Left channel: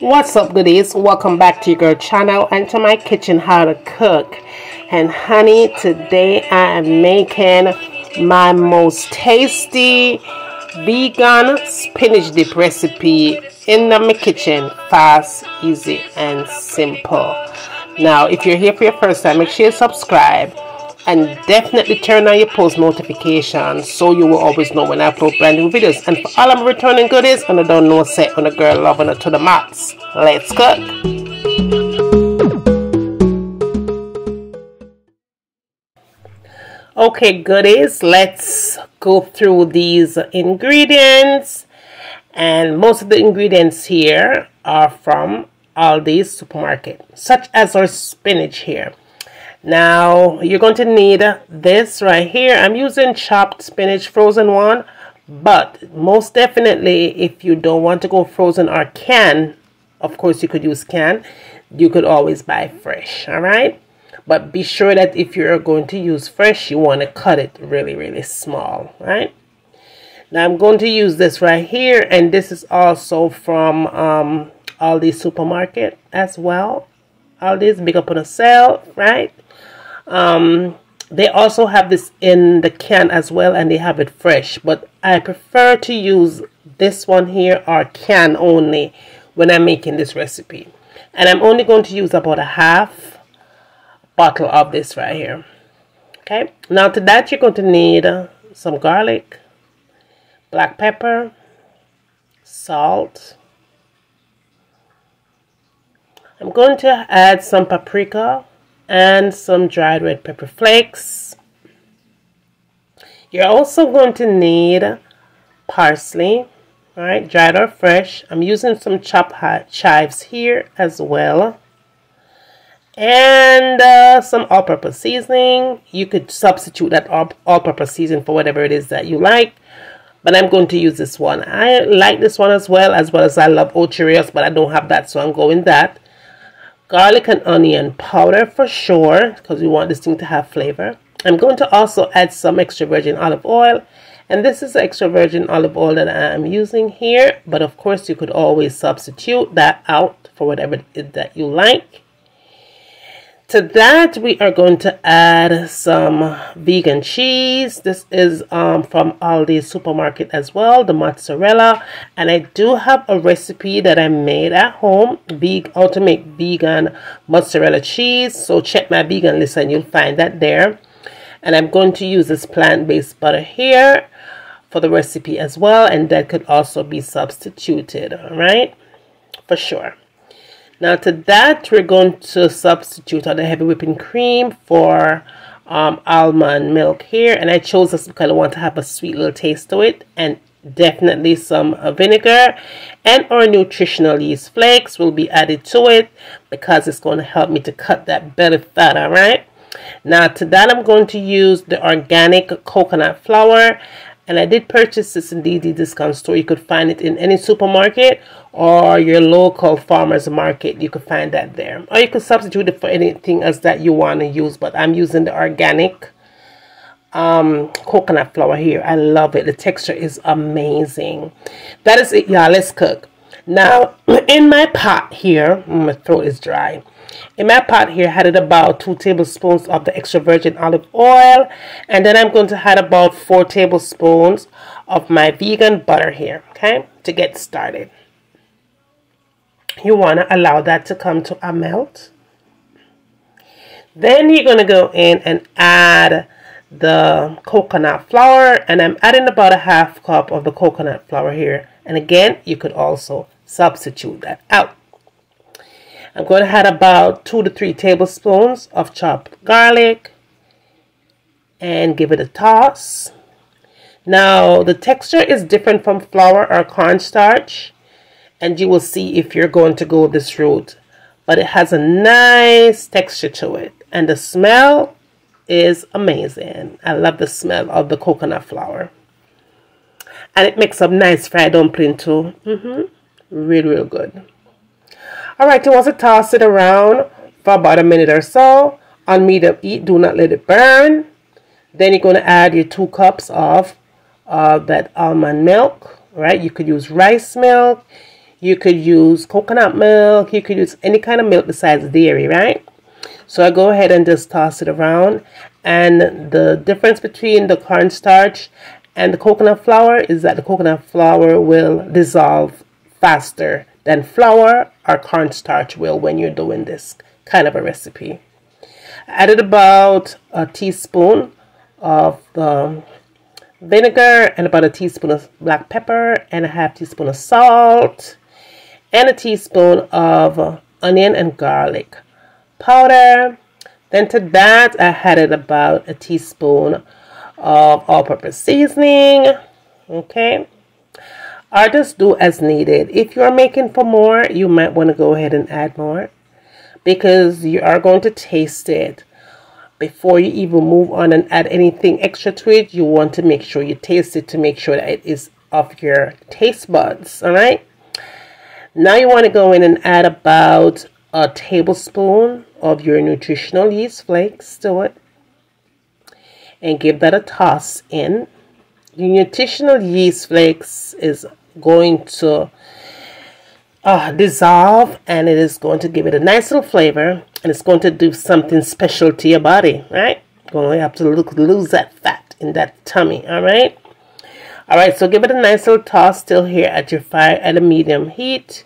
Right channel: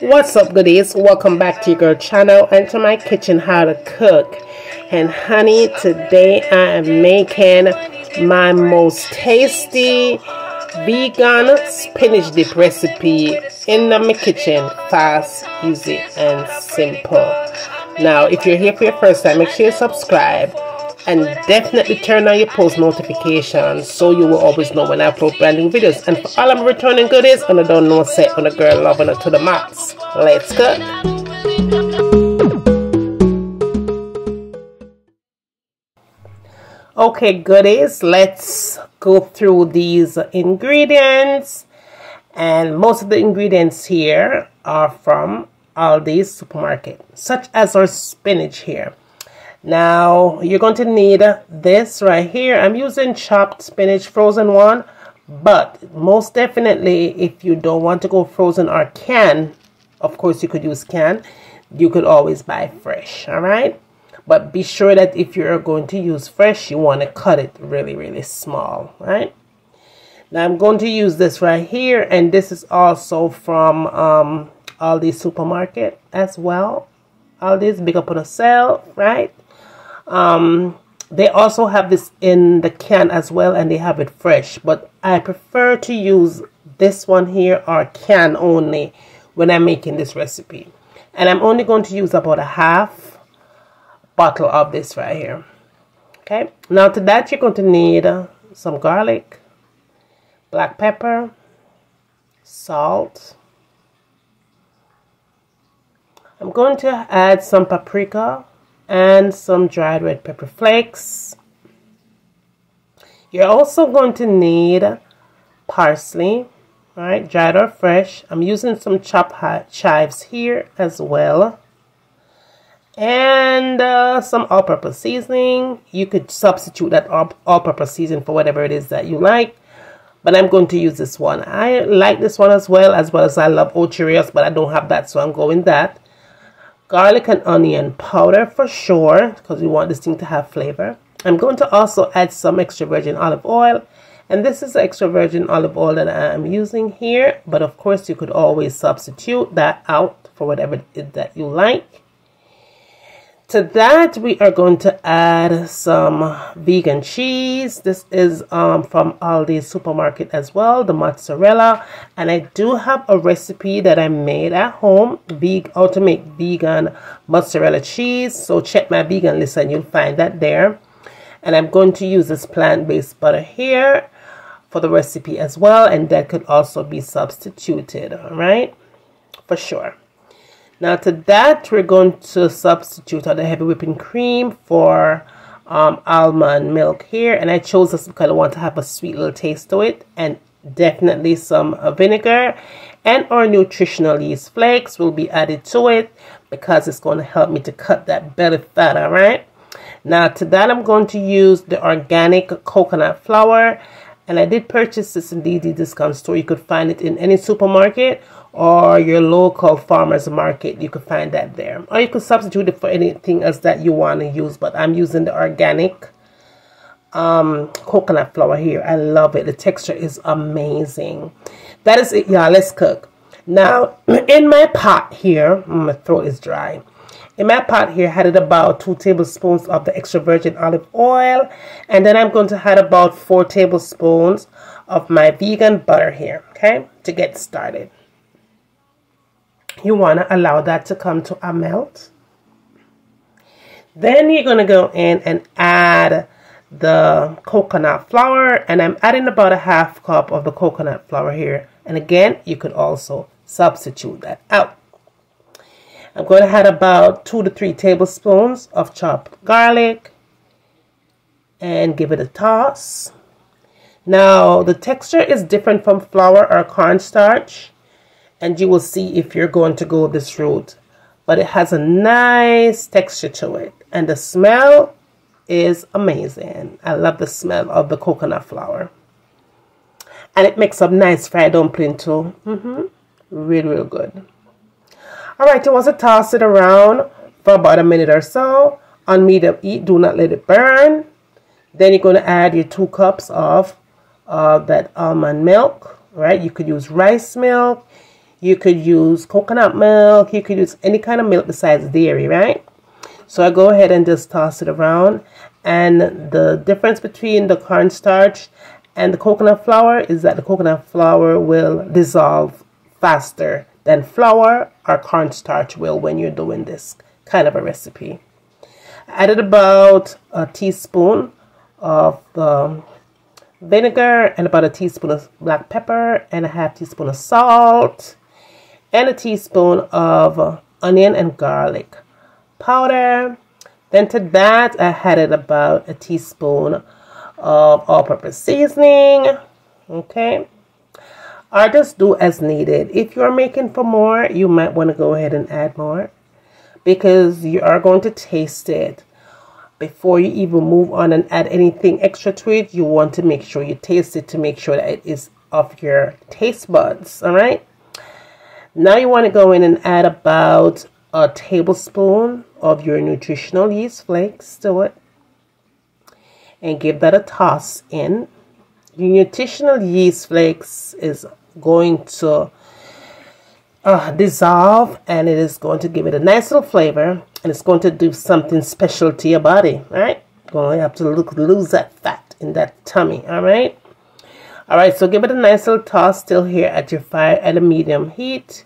What's up, goodies? Welcome back to your girl channel and to my kitchen, how to cook. And honey, today I am making my most tasty vegan spinach dip recipe in my kitchen. Fast, easy and simple. Now if you're here for your first time, make sure you subscribe and definitely turn on your post notifications so you will always know when I upload brand new videos. And for all of my returning goodies, and I don't know, say on a girl loving it to the max. Let's cook. Okay, goodies, let's go through these ingredients. And most of the ingredients here are from Aldi's supermarket, such as our spinach here. Now you're going to need this right here. I'm using chopped spinach, frozen one, but most definitely if you don't want to go frozen or can, of course you could use can, you could always buy fresh. All right, but be sure that if you're going to use fresh, you want to cut it really small. Right, now I'm going to use this right here, and this is also from Aldi's supermarket as well. Aldi's big up on a sale, right? They also have this in the can as well, and they have it fresh, but I prefer to use this one here or can only when I'm making this recipe. And I'm only going to use about a half bottle of this right here. Okay, now to that you're going to need some garlic, black pepper, salt. I'm going to add some paprika and some dried red pepper flakes. You're also going to need parsley, right, dried or fresh. I'm using some chopped chives here as well, and some all-purpose seasoning. You could substitute that all-purpose seasoning for whatever it is that you like, but I'm going to use this one. I like this one as well as I love Ocheerios, but I don't have that, so I'm going that. Garlic and onion powder for sure, because we want this thing to have flavor. I'm going to also add some extra virgin olive oil, and this is extra virgin olive oil that I'm using here, but of course you could always substitute that out for whatever it is that you like. To that we are going to add some vegan cheese. This is from Aldi's supermarket as well, the mozzarella. And I do have a recipe that I made at home, how to make vegan mozzarella cheese. So check my vegan list and you'll find that there. And I'm going to use this plant-based butter here for the recipe as well, and that could also be substituted, all right, for sure. Now to that we're going to substitute the heavy whipping cream for almond milk here, and I chose this because I want to have a sweet little taste to it, and definitely some vinegar, and our nutritional yeast flakes will be added to it because it's going to help me to cut that belly fat. All right, now to that I'm going to use the organic coconut flour, and I did purchase this in DD discount store. You could find it in any supermarket or your local farmer's market. You could find that there. Or you could substitute it for anything else that you want to use. But I'm using the organic coconut flour here. I love it. The texture is amazing. That is it, y'all. Let's cook. Now, in my pot here, my throat is dry. In my pot here, I added about 2 tablespoons of the extra virgin olive oil. And then I'm going to add about 4 tablespoons of my vegan butter here, okay, to get started. You want to allow that to come to a melt. Then you're going to go in and add the coconut flour. And I'm adding about a half cup of the coconut flour here. And again, you could also substitute that out. I'm going to add about 2 to 3 tablespoons of chopped garlic and give it a toss. Now, the texture is different from flour or cornstarch, and you will see if you're going to go this route. But it has a nice texture to it, and the smell is amazing. I love the smell of the coconut flour. And it makes a nice fried dumpling too. Real good. Alright, you want to toss it around for about a minute or so on medium heat. Do not let it burn. Then you're going to add your 2 cups of that almond milk, right? You could use rice milk. You could use coconut milk. You could use any kind of milk besides dairy, right? So I go ahead and just toss it around. And the difference between the cornstarch and the coconut flour is that the coconut flour will dissolve faster than flour or cornstarch will when you're doing this kind of a recipe. I added about a teaspoon of the vinegar and about a teaspoon of black pepper and a half teaspoon of salt and a teaspoon of onion and garlic powder. Then to that I added about a teaspoon of all-purpose seasoning, okay, or just do as needed. If you're making for more, you might want to go ahead and add more, because you are going to taste it before you even move on and add anything extra to it. You want to make sure you taste it to make sure that it is of your taste buds. All right, now you want to go in and add about a tablespoon of your nutritional yeast flakes to it and give that a toss in. The nutritional yeast flakes is going to dissolve, and it is going to give it a nice little flavor, and it's going to do something special to your body, right? Going to have to lose that fat in that tummy. All right, so give it a nice little toss still here at your fire at a medium heat.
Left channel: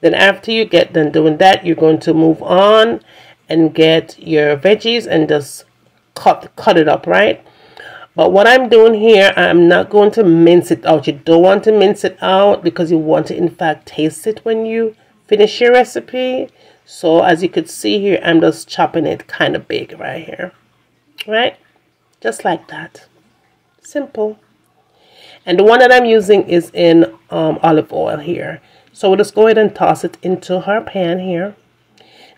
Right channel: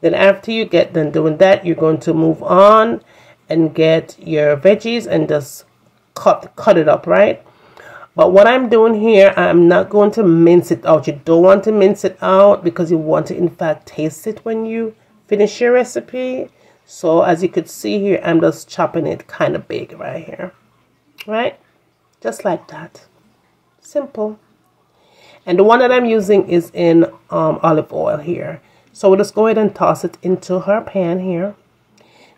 Then after you get done doing that, you're going to move on and get your veggies and just cut it up, right? But what I'm doing here, I'm not going to mince it out. You don't want to mince it out because you want to in fact taste it when you finish your recipe. So as you could see here, I'm just chopping it kind of big right here, right? Just like that. Simple. And the one that I'm using is in olive oil here. So we'll just go ahead and toss it into her pan here.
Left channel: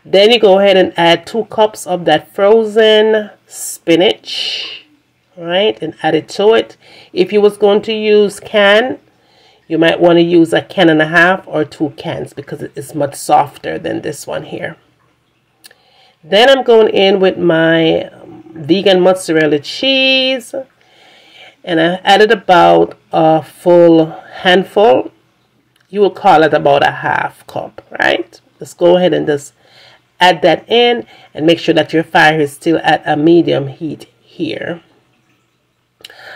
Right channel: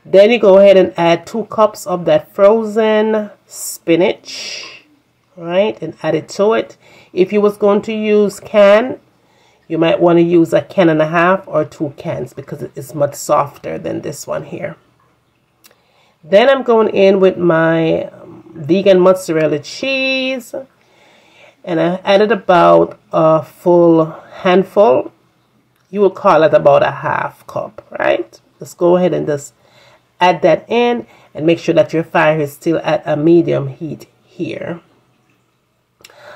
Then you go ahead and add 2 cups of that frozen spinach, right, and add it to it. If you was going to use can, you might want to use a can and a half or 2 cans because it is much softer than this one here. Then I'm going in with my vegan mozzarella cheese, and I added about a full handful. You will call it about a half cup, right? Let's go ahead and just add that in and make sure that your fire is still at a medium heat here.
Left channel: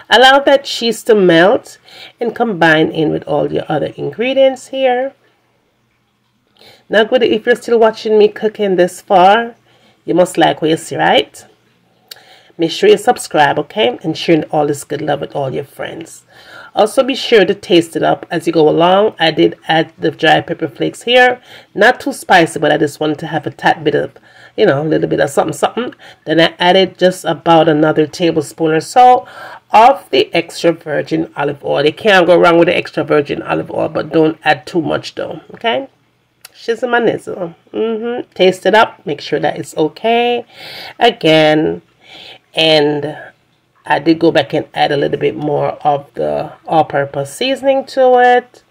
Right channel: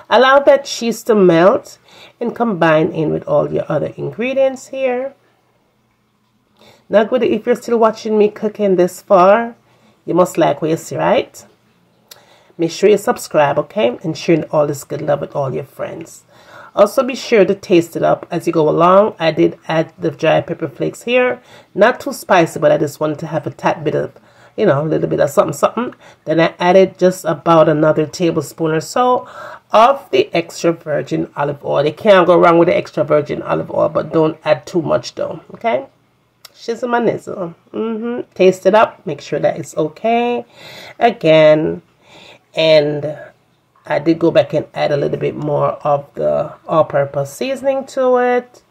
Allow that cheese to melt and combine in with all your other ingredients here. Now, good, if you're still watching me cooking this far, you must like what you see, right? Make sure you subscribe, okay? And share all this good love with all your friends. Also, be sure to taste it up as you go along. I did add the dry pepper flakes here. Not too spicy, but I just wanted to have a tad bit of, you know, a little bit of something. Then I added just about another tablespoon or so of the extra virgin olive oil. You can't go wrong with the extra virgin olive oil, but don't add too much though, okay? Shizzle my nizzle. Taste it up. Make sure that it's okay. Again, and I did go back and add a little bit more of the all-purpose seasoning to it,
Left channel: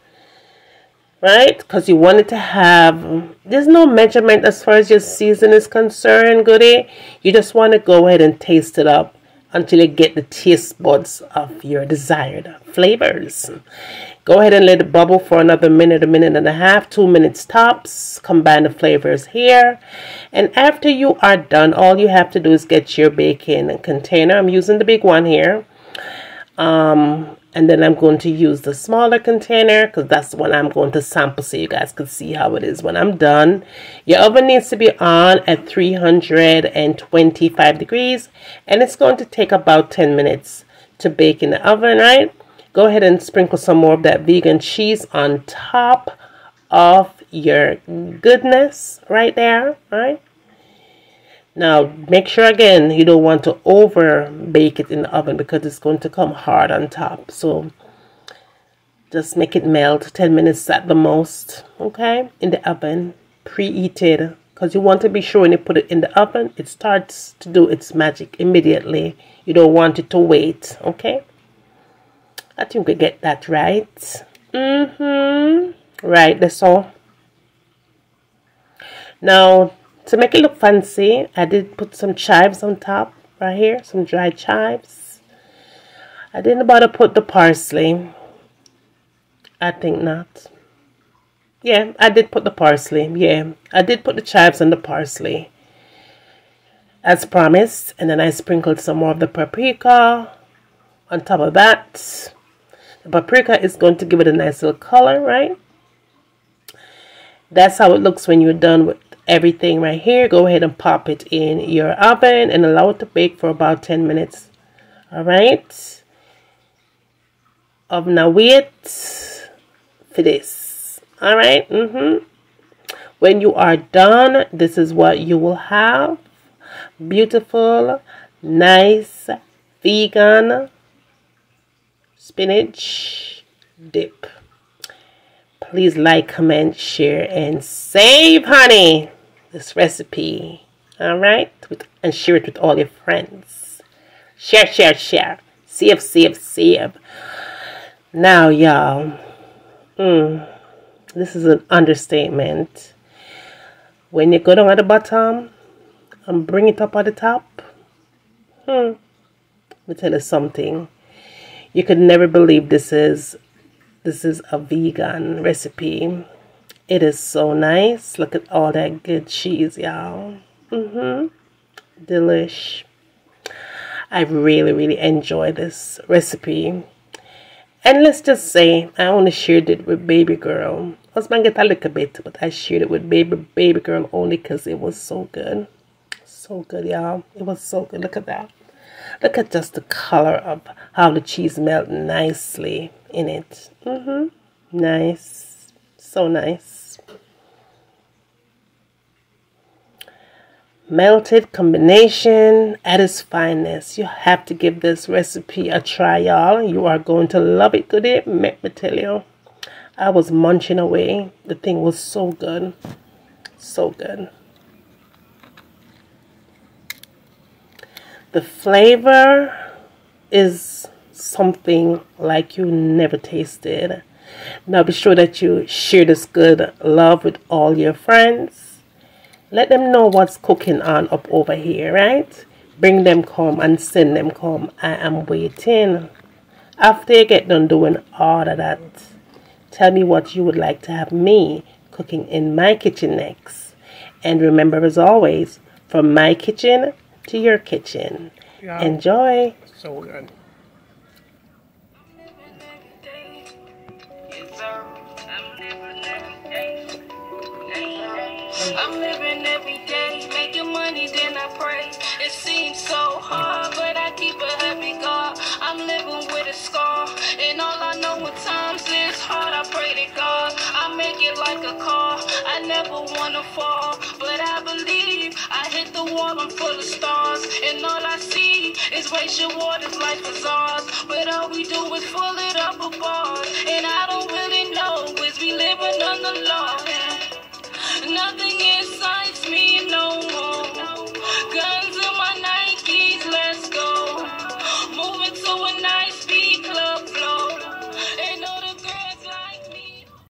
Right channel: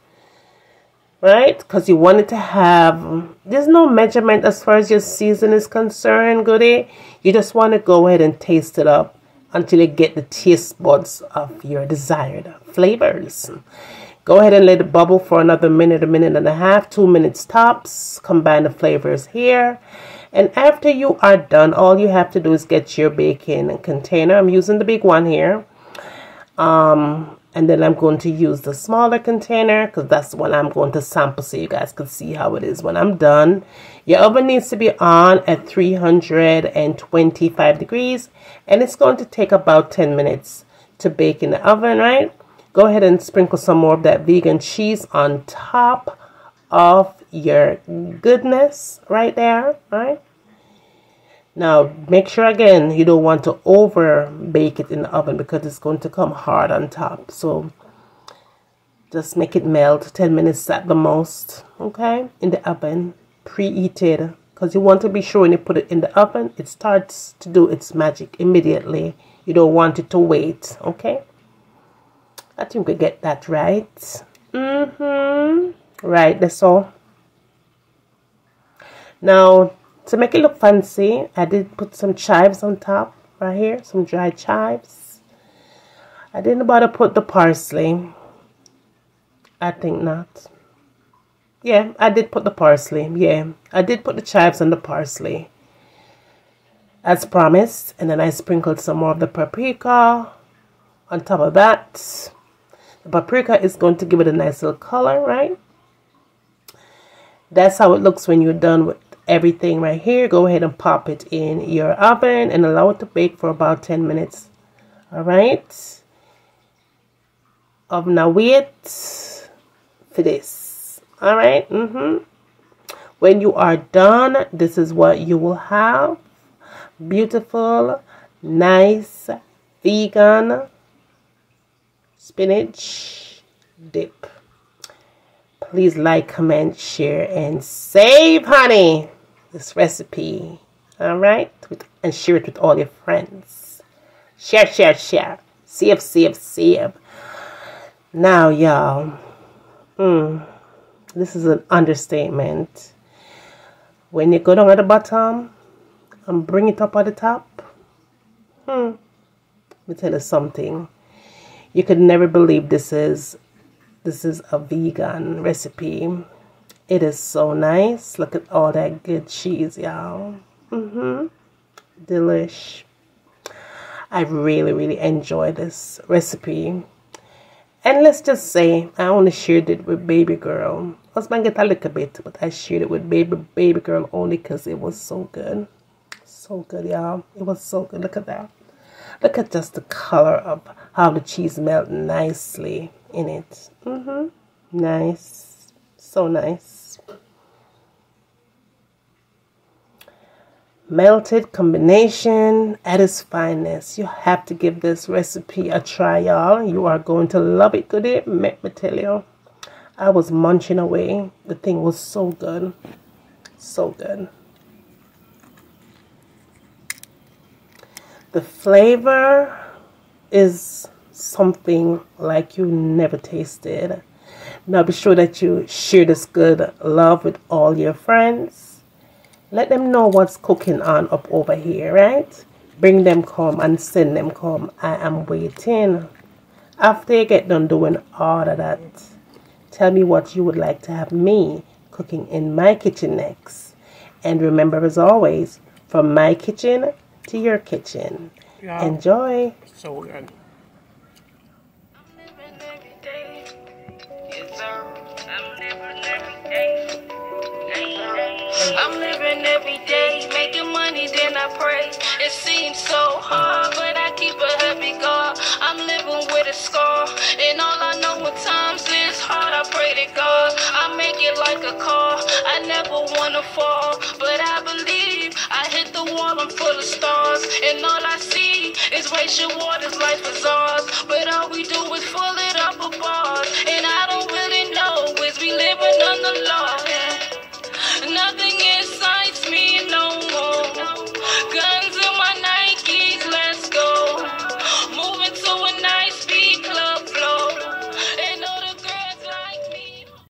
right? Because you want it to have, there's no measurement as far as your season is concerned, goodie. You just want to go ahead and taste it up until you get the taste buds of your desired flavors. Go ahead and let it bubble for another minute, a minute and a half, 2 minutes tops. Combine the flavors here. And after you are done, all you have to do is get your baking container. I'm using the big one here. And then I'm going to use the smaller container because that's the one I'm going to sample so you guys can see how it is when I'm done. Your oven needs to be on at 325 degrees. And it's going to take about 10 minutes to bake in the oven, right? Go ahead and sprinkle some more of that vegan cheese on top of your goodness right there, right? Now, make sure again, you don't want to over bake it in the oven because it's going to come hard on top. So just make it melt 10 minutes at the most, okay? In the oven, preheated, because you want to be sure when you put it in the oven, it starts to do its magic immediately. You don't want it to wait, okay? I think we get that right. Right, that's all. Now, to make it look fancy, I did put some chives on top right here, some dried chives. I didn't bother put the parsley. I think not. Yeah, I did put the parsley. Yeah, I did put the chives and the parsley as promised. And then I sprinkled some more of the paprika on top of that. The paprika is going to give it a nice little color, right? That's how it looks when you're done with everything right here. Go ahead and pop it in your oven and allow it to bake for about 10 minutes. All right. Oven await for this. All right. When you are done, this is what you will have. Beautiful, nice, vegan spinach dip. Please like, comment, share, and save, honey, this recipe. All right? And share it with all your friends. Share, share, share. Save, save, save. Now, y'all, this is an understatement. When you go down at the bottom and bring it up at the top, let me tell you something. You could never believe this is a vegan recipe. It is so nice. Look at all that good cheese, y'all. Delish. I really, really enjoy this recipe. And let's just say I only shared it with baby girl. Husband get a little bit, but I shared it with baby girl only because it was so good. So good, y'all. It was so good. Look at that. Look at just the color of how the cheese melted nicely in it. Nice. So nice. Melted combination at its finest. You have to give this recipe a try, y'all. You are going to love it. Goodie, let me tell you. I was munching away. The thing was so good. So good. The flavor is something like you never tasted. Now be sure that you share this good love with all your friends. Let them know what's cooking on up over here, right? Bring them come and send them come. I am waiting. After you get done doing all of that, tell me what you would like to have me cooking in my kitchen next. And remember, as always, from my kitchen to your kitchen. Yeah. Enjoy. So good. I'm living every day, making money, then I pray. It seems so hard, but I keep a happy God. I'm living with a scar, and all I know when times is hard, I pray to God. I make it like a car, I never wanna fall, but I believe I hit the wall, I'm full of stars, and all I see is racial waters, life is ours, but all we do is full it up a bars, and I don't really know